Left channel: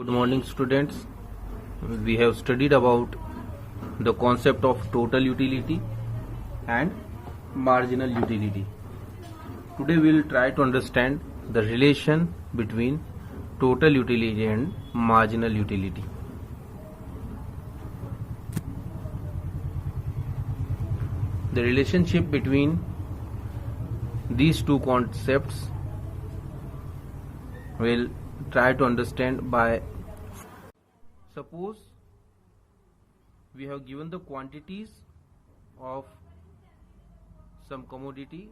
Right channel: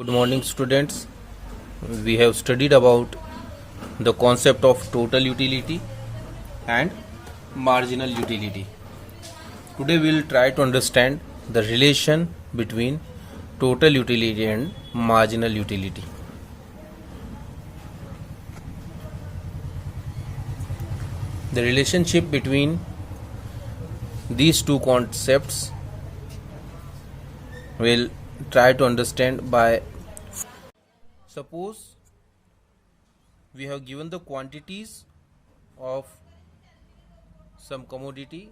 Good morning, students. We have studied about the concept of total utility and marginal utility. Today we will try to understand the relation between total utility and marginal utility. The relationship between these two concepts we'll try to understand by suppose we have given the quantities of some commodity,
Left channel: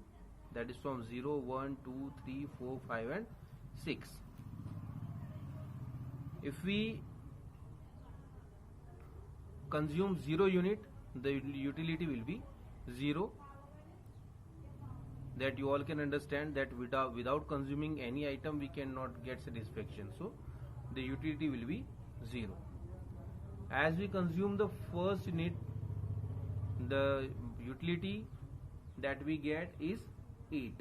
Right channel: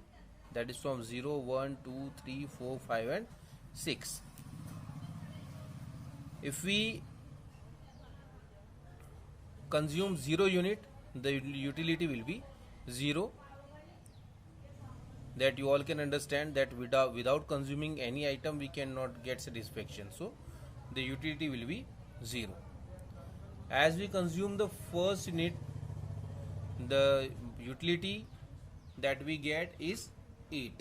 that is from 0, 1, 2, 3, 4, 5 and 6. If we consume 0 unit, the utility will be 0. That you all can understand that without consuming any item we cannot get satisfaction, so the utility will be 0. As we consume the first unit, the utility that we get is 8.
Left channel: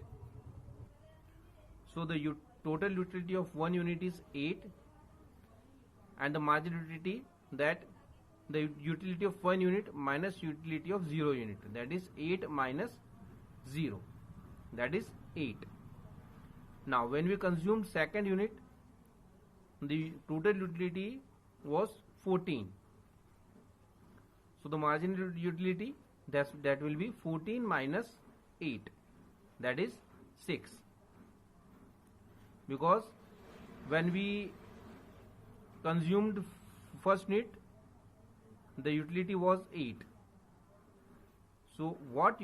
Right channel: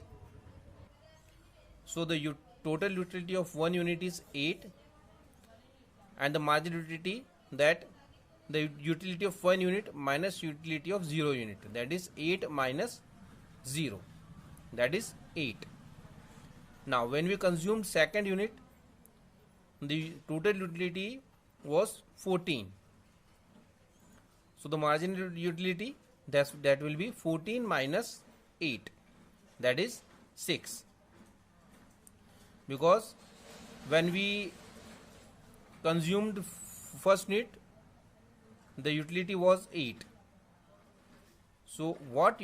So the total utility of 1 unit is 8, and the marginal utility, that the utility of 1 unit minus utility of 0 unit, that is 8 minus 0, that is 8. Now when we consumed second unit, the total utility was 14. So the marginal utility, that will be 14 minus 8, that is 6. Because when we consumed first unit, the utility was 8. So what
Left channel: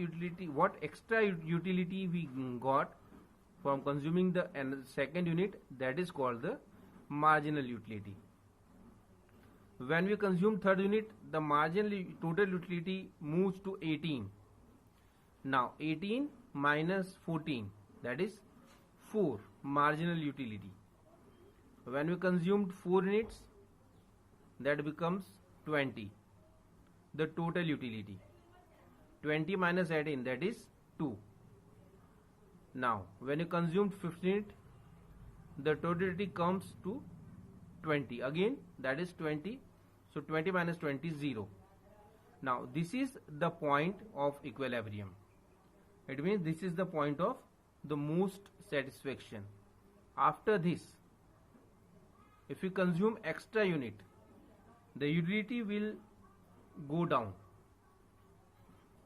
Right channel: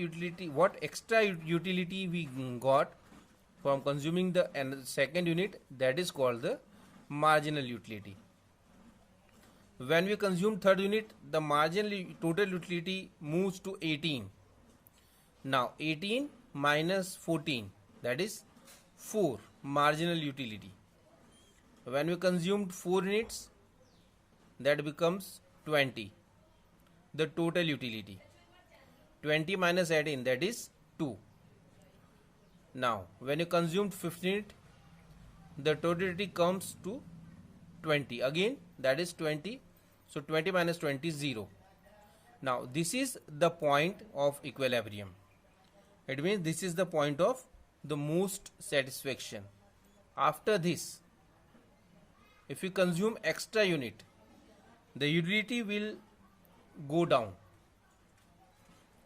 extra utility we got from consuming the second unit, that is called the marginal utility. When we consume third unit, the marginal total utility moves to 18. Now 18 minus 14, that is 4, marginal utility. When we consumed 4 units, that becomes 20, the total utility. 20 minus 18, that is 2. Now when you consumed 15 unit, the total utility comes to 20 again, that is 20. So 20 minus 20 is 0. Now this is the point of equilibrium. It means this is the point of the most satisfaction. After this, if you consume extra unit, the utility will go down.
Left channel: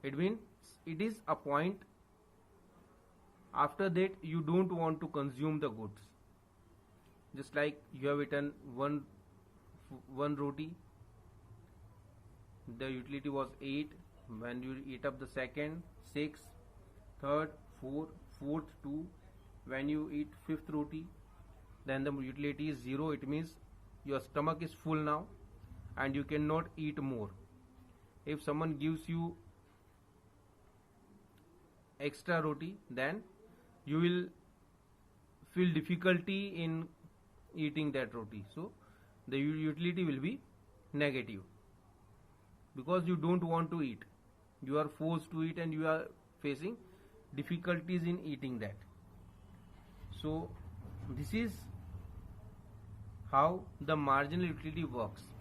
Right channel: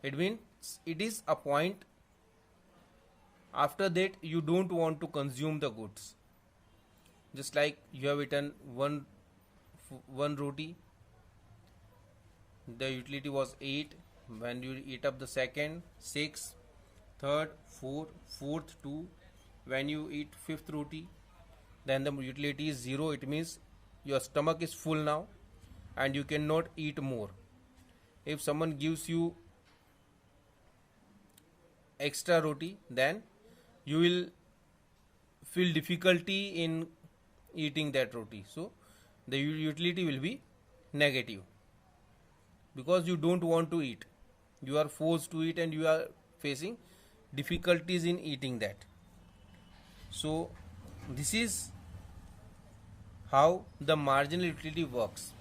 It means it is a point after that you don't want to consume the goods. Just like you have eaten one roti, the utility was 8. When you eat up the second, 6, third, 4, fourth 2. When you eat fifth roti, then the utility is 0. It means your stomach is full now and you cannot eat more. If someone gives you extra roti, then you will feel difficulty in eating that roti. So the utility will be negative, because you don't want to eat. You are forced to eat and you are facing difficulties in eating that. So this is how the marginal utility works.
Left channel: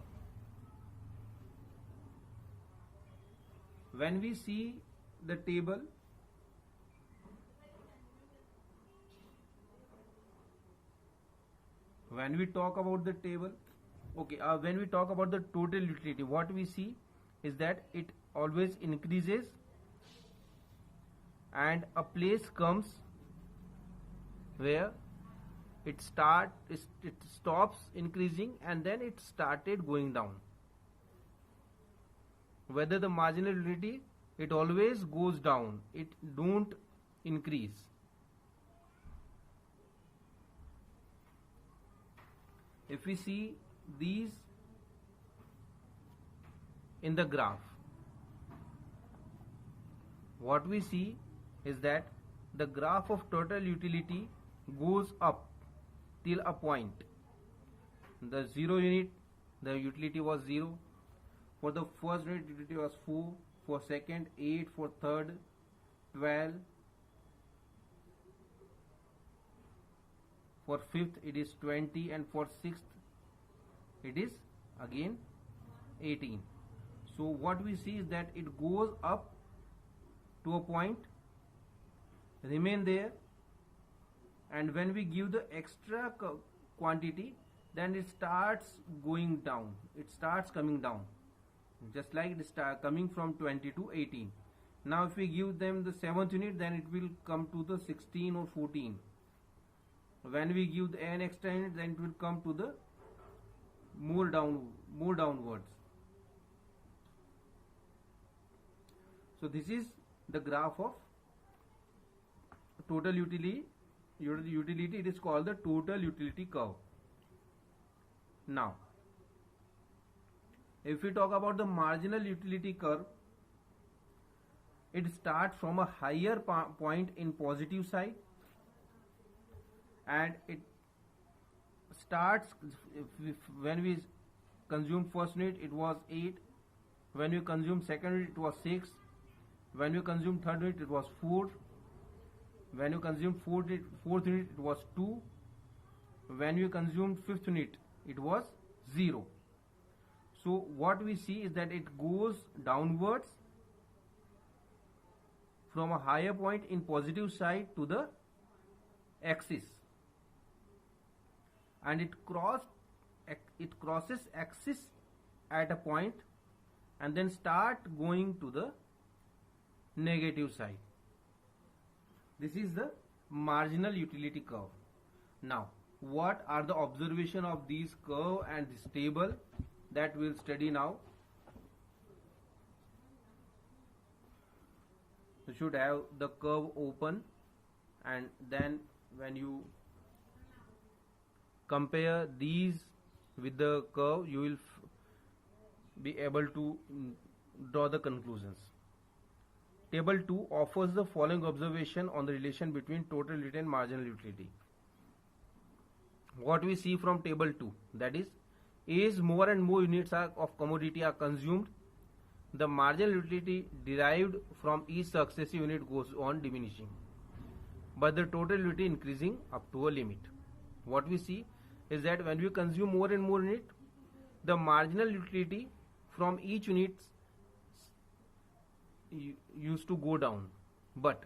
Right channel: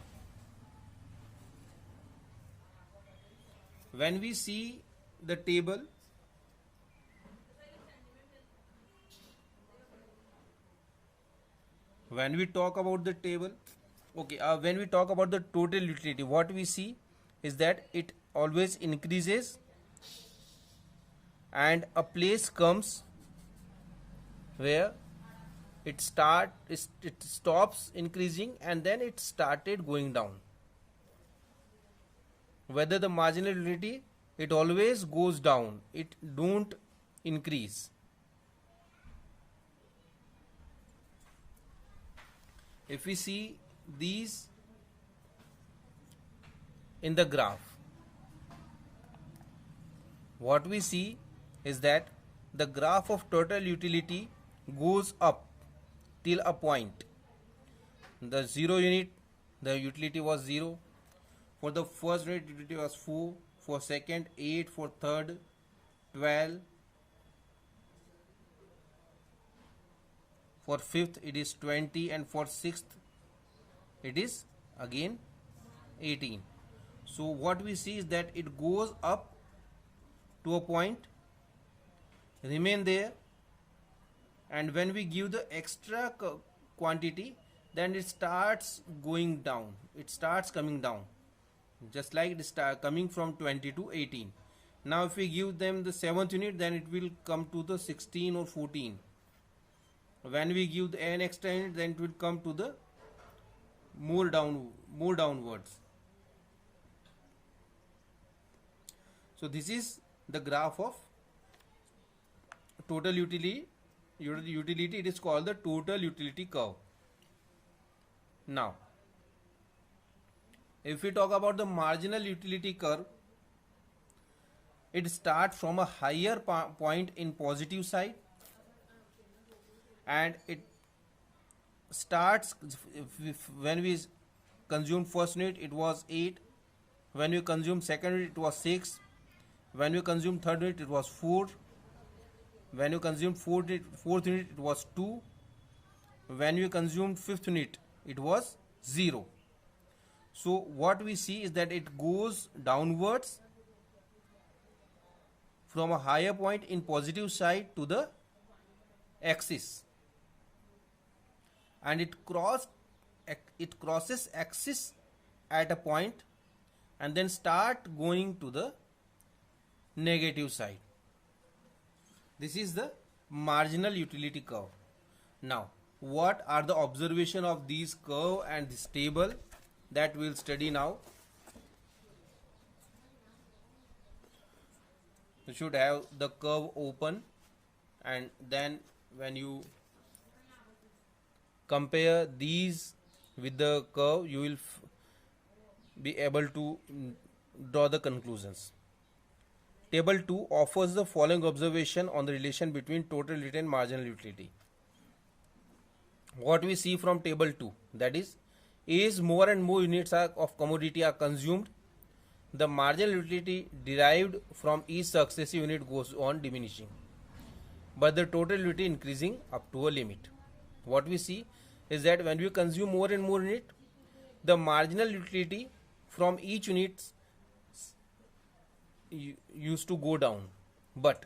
When we see the table, when we talk about the table, when we talk about the total utility, what we see is that it always increases, and a place comes where it stops increasing and then it started going down. Whether the marginal utility, it always goes down, it don't increase. If we see these in the graph, what we see is that the graph of total utility goes up till a point. The 0 unit, the utility was 0. For the first unit, utility was 4. For second, 8. For third, 12. For fifth, it is 20. And for sixth, it is again 18. So what we see is that it goes up to a point, remain there, and when we give the extra quantity, then it starts going down, it starts coming down, just like it is coming from 20 to 18. Now if we give them the 7th unit, then it will come to the 16 or 14. When we give an extra unit, then it will come to the more downwards. So this is the graph of total utility. It is called the total utility curve. Now if we talk about the marginal utility curve, it starts from a higher point in positive side, and it starts when we consume first unit it was 8, when we consume second unit it was 6, when we consume third unit it was 4, when we consumed fourth unit it was 2, when we consumed fifth unit it was 0. So what we see is that it goes downwards from a higher point in positive side to the axis, and it crosses axis at a point and then start going to the negative side. This is the marginal utility curve. Now what are the observation of these curve and this table, that we will study now. You should have the curve open, and then when you compare these with the curve, you will be able to draw the conclusions. Table 2 offers the following observation on the relation between total utility and marginal utility. What we see from table 2, that is, as more and more units of commodity are consumed, the marginal utility derived from each successive unit goes on diminishing, but the total utility increasing up to a limit. What we see is that when we consume more and more unit, the marginal utility from each unit used to go down, but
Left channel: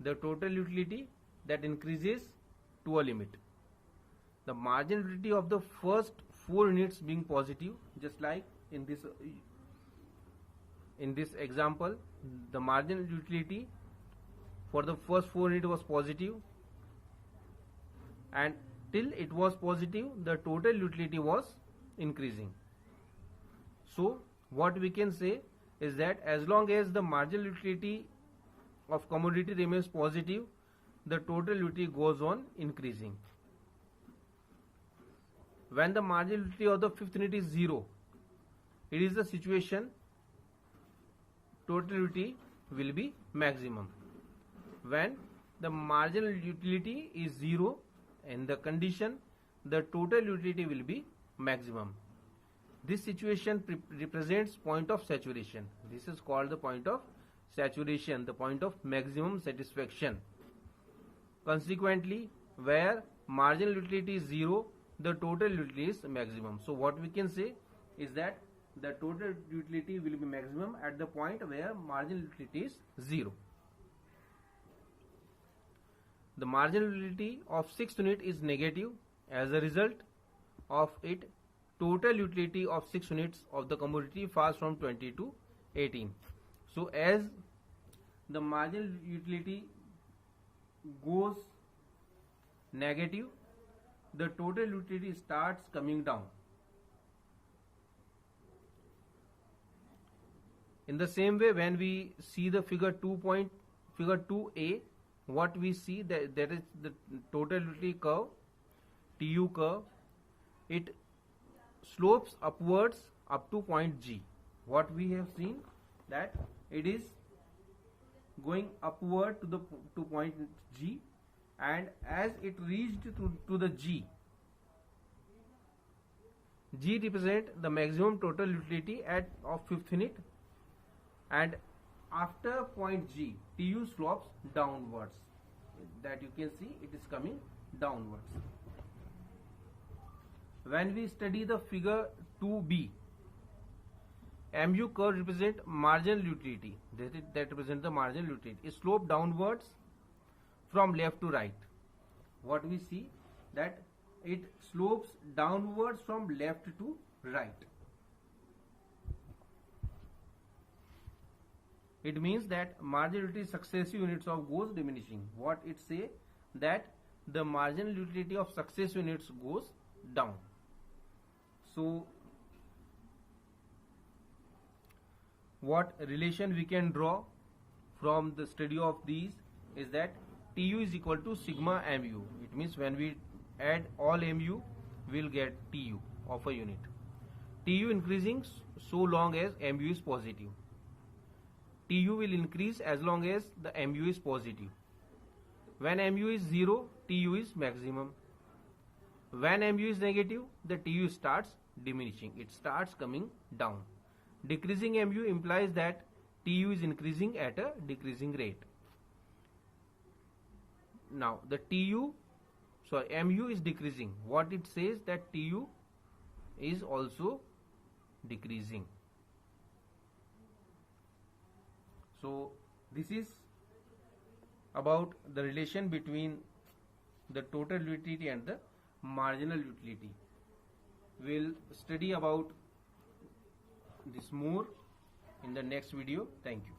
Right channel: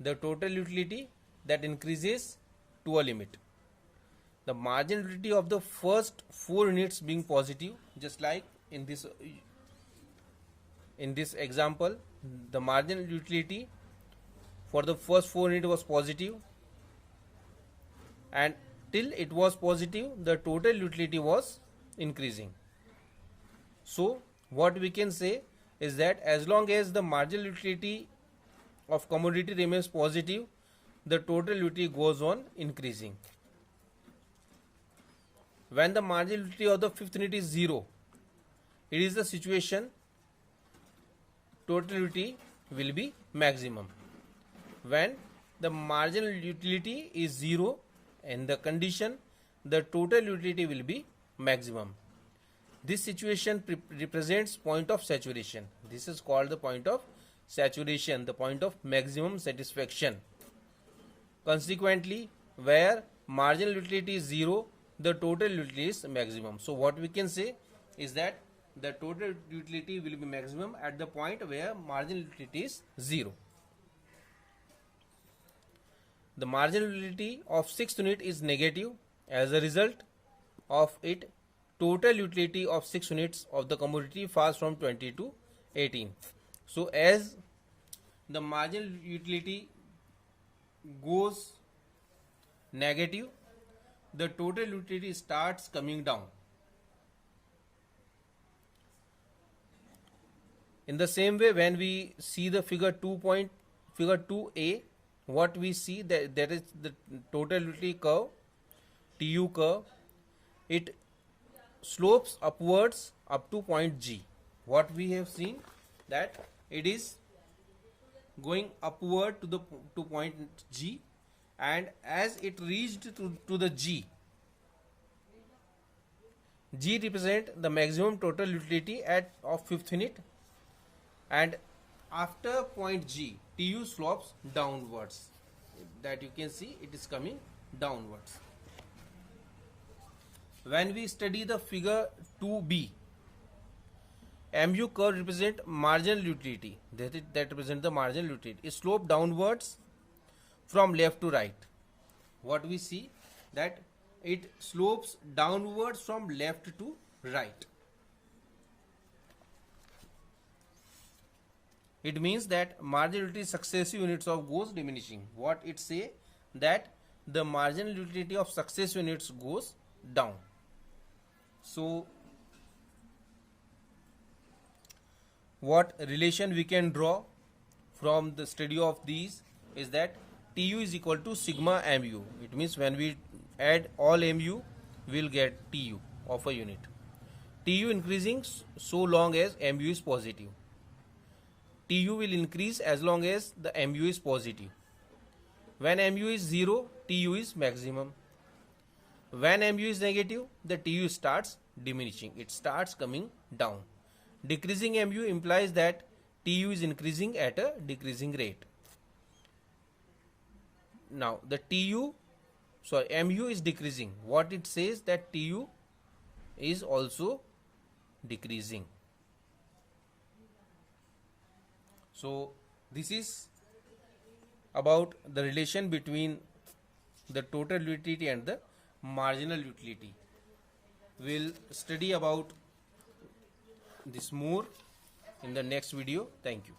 the total utility that increases to a limit. The marginal utility of the first 4 units being positive, just like in this example, the marginal utility for the first 4 units was positive, and till it was positive the total utility was increasing. So what we can say is that as long as the marginal utility of commodity remains positive, the total utility goes on increasing. When the marginal utility of the fifth unit is 0, it is the situation total utility will be maximum. When the marginal utility is 0, in the condition the total utility will be maximum. This situation represents point of saturation. This is called the point of saturation, the point of maximum satisfaction. Consequently, where marginal utility is 0, the total utility is maximum. So what we can say is that the total utility will be maximum at the point where marginal utility is 0. The marginal utility of 6th unit is negative. As a result of it, total utility of 6 units of the commodity falls from 20 to 18. So as the marginal utility goes negative, the total utility starts coming down. In the same way, when we see the figure 2A, what we see that is the total utility curve, TU curve. It slopes upwards up to point G. What we have seen that it is going upward to point G, and as it reached to the G represent the maximum total utility of 5th unit, and after point G, TU slopes downwards. That you can see it is coming downwards. when we study the figure 2b, MU curve represent marginal utility, that represent the marginal utility, is slope downwards from left to right. What we see that it slopes downwards from left to right. It means that marginal utility successive units of goes diminishing. What it say that the marginal utility of successive units goes down. So what relation we can draw from the study of these is that TU is equal to sigma MU. It means when we add all MU, we will get TU of a unit. TU increasing so long as MU is positive. TU will increase as long as the MU is positive. When MU is 0, TU is maximum. When MU is negative, the TU starts diminishing. It starts coming down. Decreasing MU implies that TU is increasing at a decreasing rate. Now the MU is decreasing. What it says that TU is also decreasing. So this is about the relation between the total utility and the marginal utility. We'll study about this more in the next video. Thank you.